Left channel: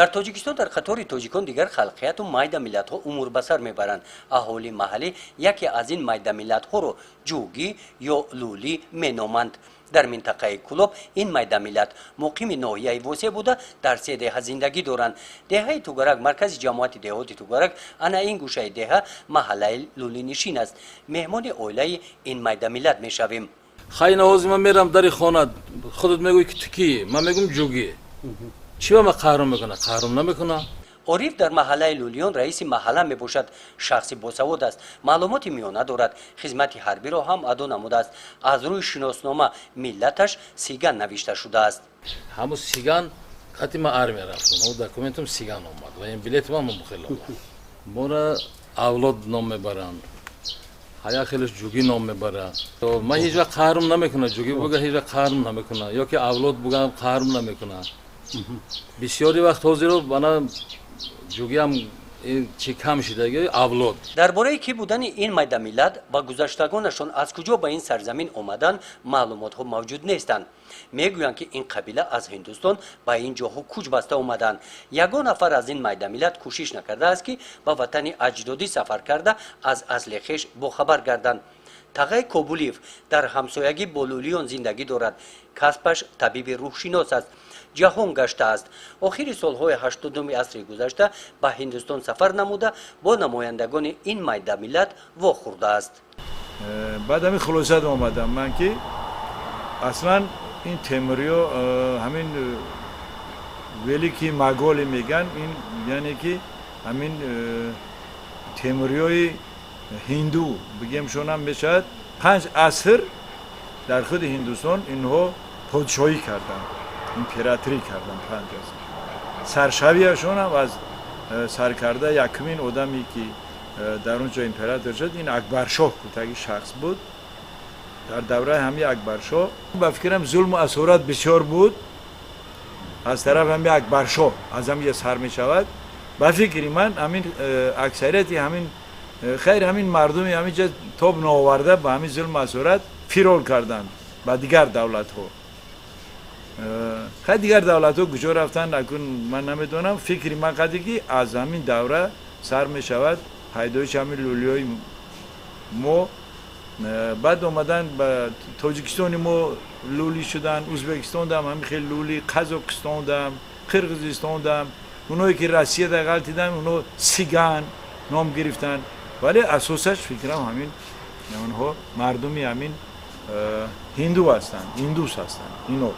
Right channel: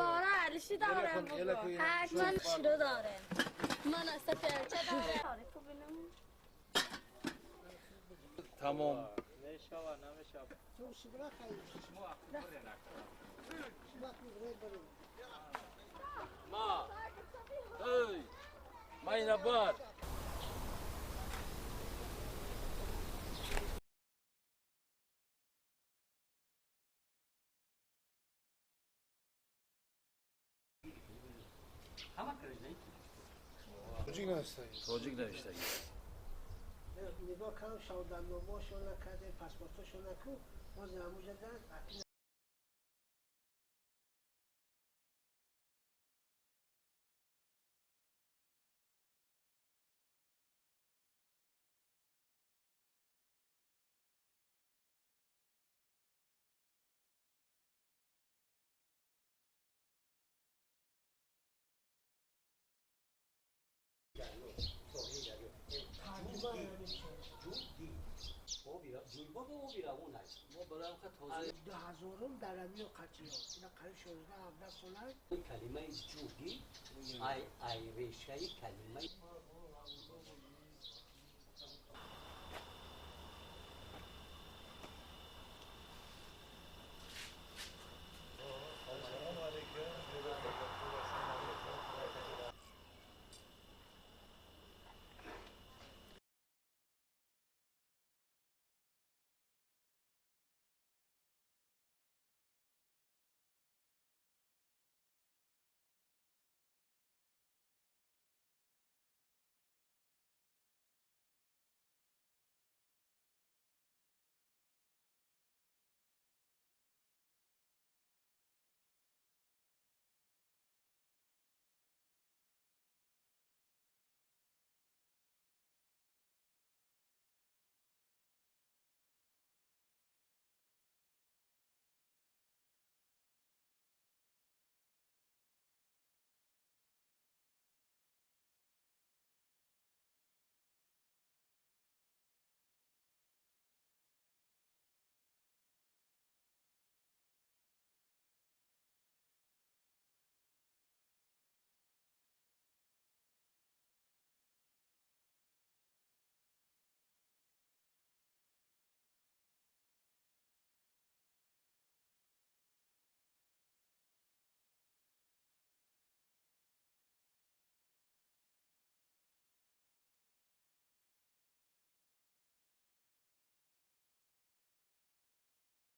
дар тоҷикистон дар қатори тоҷикон дигар халқияту майда миллатҳо умурбасар мебаранд. аҳолии маҳаллӣ яке аз ин майда миллатҳоро ҷугӣ ё лулӣ меноманд. дар минтақаи Кӯлоб ин майда миллат муқими ноҳияи восеъ буда дар се деҳа зиндагӣ доранд. деҳаи Тугарак, маркази ҷамоати деҳоти Тугарак, ана ин гӯшаи деҳа маҳаллаи лулинишин аст. меҳмони оилаи ин майда миллат мешавем. хай навози ман мерам дари хона, худат мегӯй ки ту кӣ? ман мегӯм ҷугӣ. чӣ ба ман қаҳрум мекуна? қаҳрум намекуна. ориф дар маҳаллаи лулиён раиси маҳалла мебошад. шахси босавод аст, маълумоти миёна дорад, хизмати ҳарбиро ҳам адо намудааст. аз рӯи шиноснома миллаташ сиган навишта шудааст. ҳамун сиган қати ман армия рафтам, документам сиган омад ва ин билети ман мухел омад. мора авлод ном мебаранд, ҳая хелаш ҷугӣ ном мебарад. ман ҳеҷ вақт қаҳрум намекуна, ҷугӣ буга ҳеҷ вақт қаҳрум намекуна, ё ки авлод бугам қаҳрум намекуна. бисёри вақт ҳозиро бана ҷугиам чи кам шидаги авлод. дар бораи ки будани ин майда миллат ба гузаштагонашон аз куҷо ба ин сарзамин омаданд маълумотҳо мавҷуд нестанд. мегӯянд ки ин қабила аз ҳиндустон ба ин ҷоҳо куч баста омаданд. ягон нафар аз ин майда миллат кӯшиш накардааст ки ба ватани аҷдодӣ сафар карда аз асли хеш бохабар гарданд. тағай кобулиев дар ҳамсоягӣ бо лулиён зиндагӣ дорад. касбаш табиби рӯҳшинос аст. ҷаҳон гаштааст. охири солҳои 80-уми асри гузашта ба ҳиндустон сафар намуда бо намояндагони ин майда миллат вохӯрдааст. баъд ҳамин хулосат омадам ман ки аслан ин темуриё ҳамин велики маголи меган ин яъне ки ҳамин темуриёи ҳинду бигемшонам мешавад 5 аср дар худи ҳиндустон инҳо подшоҳӣ карданд, императорӣ карданд. 5 аср саршавияшонам аз саркарда якумин одаме ки дар он ҷо император шуд ин акбаршоҳ кӯтаги шахс буд. дар давраи ҳамин акбаршоҳ ба фикрам зулму асорат бисёр буд аз тарафи ҳамин акбаршоҳ аз ҳамиҷа сар мешавад. ба фикри ман ҳамин аксарияти ҳамин хайр ҳамин мардуми ҳаминҷа тоб наоварда ба ҳамин зулму асорат фирор карданд ба дигар давлатҳо. хай дигар давлатҳо куҷо рафтанд акун ман намедонам. фикри ман қаде ки аз ҳамин давра сар мешавад пайдоиши ҳамин лулиёи мо. баъд омадан ба тоҷикистони мо лулӣ шуданд, ӯзбекистон дам ҳамин хел лулӣ, қазоқистон дам, қирғизистон дам, онҳое ки россия дар ғалтиданд онҳо сиган ном гирифтанд. вале асосаш фикрам ҳамин онҳо мардуми ҳамин ҳинду ҳастанд, индус ҳастанд инҳо.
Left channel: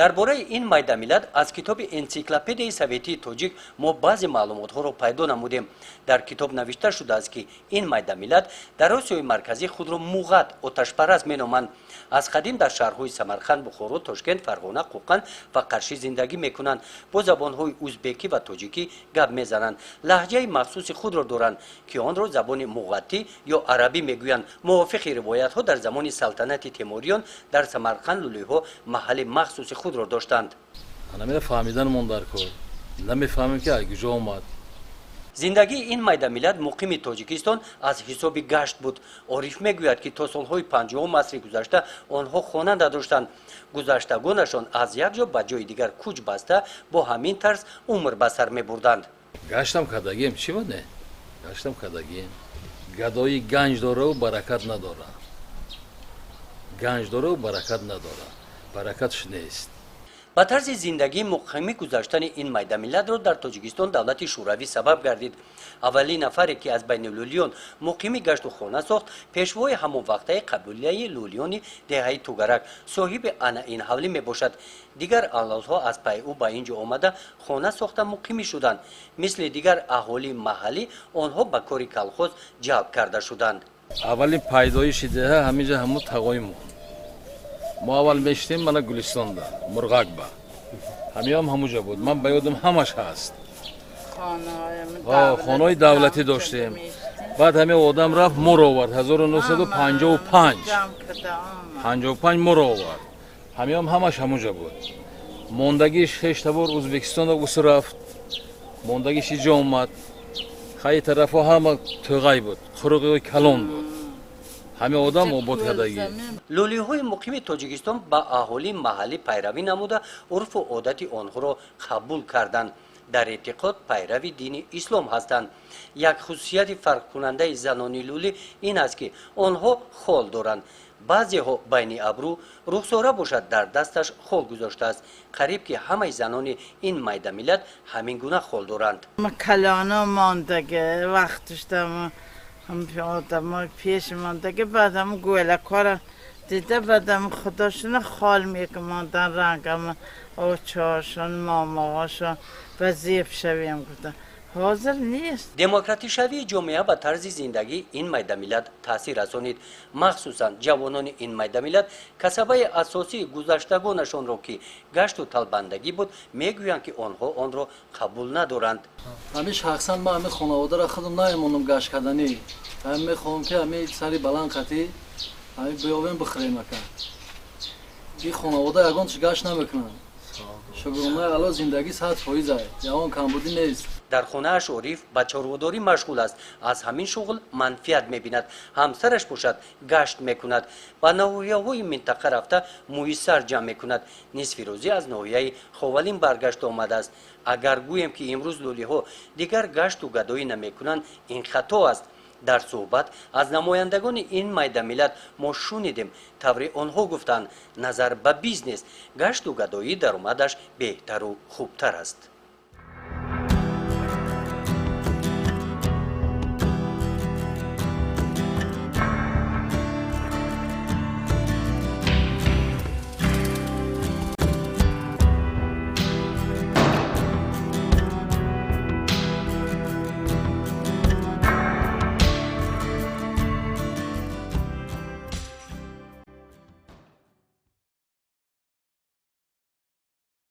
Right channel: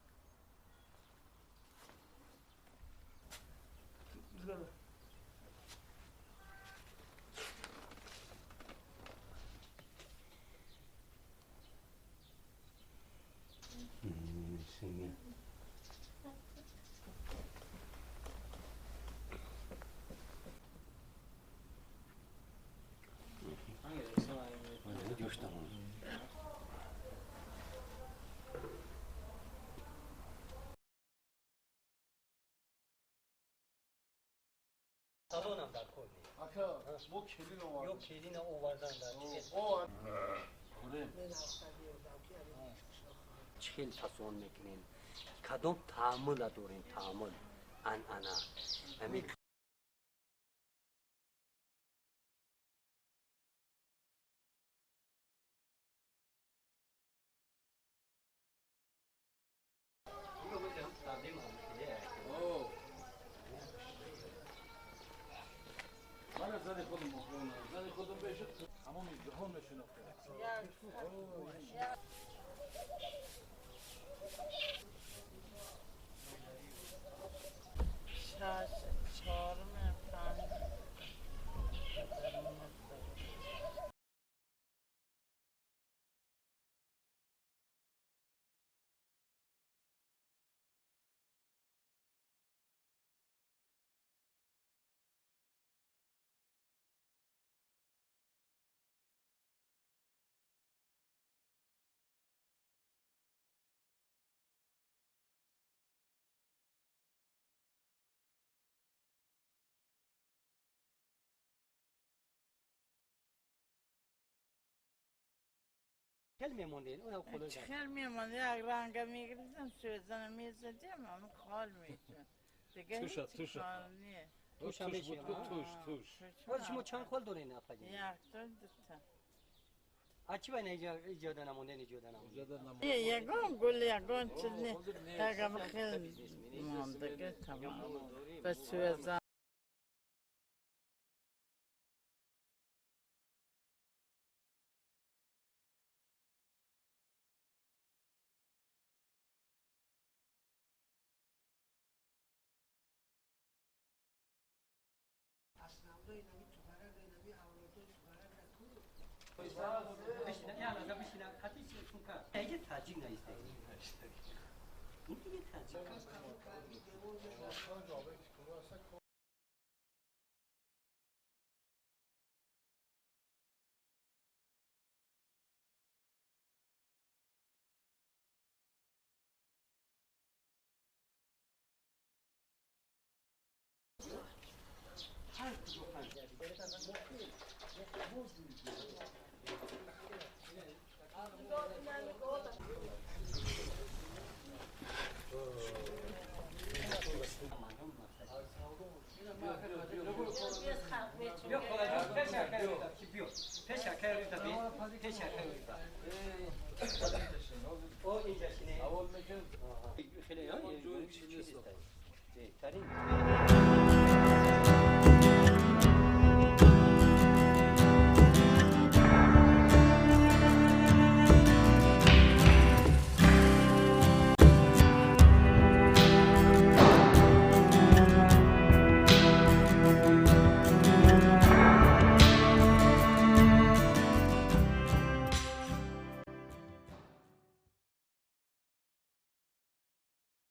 дар бораи ин майда миллат аз китоби энциклопедияи советии тоҷик мо баъзе маълумотҳоро пайдо намудем. дар китоб навишта шудааст ки ин майда миллат дар осиёи марказӣ худро муғат оташпараст меноманд. аз қадим дар шаҳрҳои самарқанд, бухоро, тошкент, фарғона, қоқан ва қаршӣ зиндагӣ мекунанд. бо забонҳои ӯзбекӣ ва тоҷикӣ гап мезананд. лаҳҷаи махсуси худро доранд ки онро забони муғаттӣ ё арабӣ мегӯянд. мувофиқи ривоятҳо дар замони салтанати темуриён дар самарқанд лулиҳо маҳалли махсуси худро доштанд. намеда фаҳмиданмон дар кор намефаҳмем ки аз куҷо омад. зиндагии ин майда миллат муқими тоҷикистон аз ҳисоби гашт буд. ориф мегӯяд ки то солҳои 50 асри гузашта онҳо хона надоштанд. гузаштагонашон аз як ҷо ба ҷои дигар куч баста бо ҳамин тарз умр ба сар мебурданд. гаштам кардагием чӣ ба не гаштам кардагием гадои ганҷ дораву баракат надора. ганҷ дораву баракат надора, баракатш нест. ба тарзи зиндагии муқими гузаштани ин майда миллатро дар тоҷикистон давлати шӯравӣ сабаб гардид. аввалин нафаре ки аз байни лулиён муқими гашту хона сохт пешвои ҳамонвақтаи қабилаи лулиёни деҳаи Тугарак соҳиби анаин ҳавлӣ мебошад. дигар авлодҳо аз пай ӯ ба ин ҷо омада хона сохта муқимӣ шуданд. мисли дигар аҳолии маҳаллӣ онҳо ба кори калхоз ҷалб карда шуданд. аввалин пайдоиши деҳа ҳаминҷа ҳамун тағои мон. мо аввал мешитем мана гулистонда мурғакба ҳамиам ҳамуҷа буд. ман ба ёдам ҳамаш ҳаст. хонаҳои давлатӣ доштем. баъд ҳамин одам рафт моро овард 1955 моро овард. ҳамиам ҳамаш ҳамуҷа буд. мондагиш шешта бор ӯзбекистонда гусу рафт. мондагиш иҷо омад. хай тарафҳо ҳама туғай буд, қуруғиҳои калон буд. ҳамин одам обод кардагӣ. лӯлиҳои муқими тоҷикистон ба аҳолии маҳаллӣ пайравӣ намуда урфу одати онҳоро қабул карданд. дар эътиқод пайрави дини ислом ҳастанд. як хусусияти фарқкунандаи занони лӯлӣ ин аст ки онҳо хол доранд. баъзеҳо байни абру рухсора бошад дар дасташ хол гузоштааст. қариб ки ҳамаи занони ин майдамиллат ҳамин гуна хол доранд. کلانا ماندگه وقتش دم هم آدم پیش ماندگه بعدم گوله کارم دیده بعدم خداشون خال میکماندن رنگم آچهاشون ماماهاشون و زیب شویم گفتن حاضر نیست. демократишавии ҷомеа ба тарзи зиндагии ин майдамиллат таъсир расонид. махсусан ҷавонони ин майдамиллат касабаи асосии гузаштагонашонро ки гашту талбандагӣ буд мегӯянд ки онҳо онро қабул надоранд. ҳамин шахсан ман ҳамин хонаводаро худам наимонам гашт карданӣ. ҳамин мехоҳам ки ҳамин сари баланд қатӣ ҳамин биёвем бихӯрем ака. ин хонавода ягонаш гашт намекунанд. шугурнаи ало зиндагӣ 100% ягон камбудӣ нест. дар хонааш ориф ба чорводорӣ машғул аст. аз ҳамин шуғл манфиат мебинад. ҳамсараш бошад гашт мекунад. ба наҳияҳои минтақа рафта муиссар ҷамъ мекунад. нисфи рӯзӣ аз наҳияи ховалин баргашту омадааст. агар гӯем ки имрӯз лӯлиҳо дигар гашту гадоӣ намекунанд ин хато аст. дар суҳбат аз намояндагони ин майдамиллат мо шунидем таври онҳо гуфтанд назар ба бизнес гашту гадоӣ даромадаш беҳтару хубтар аст.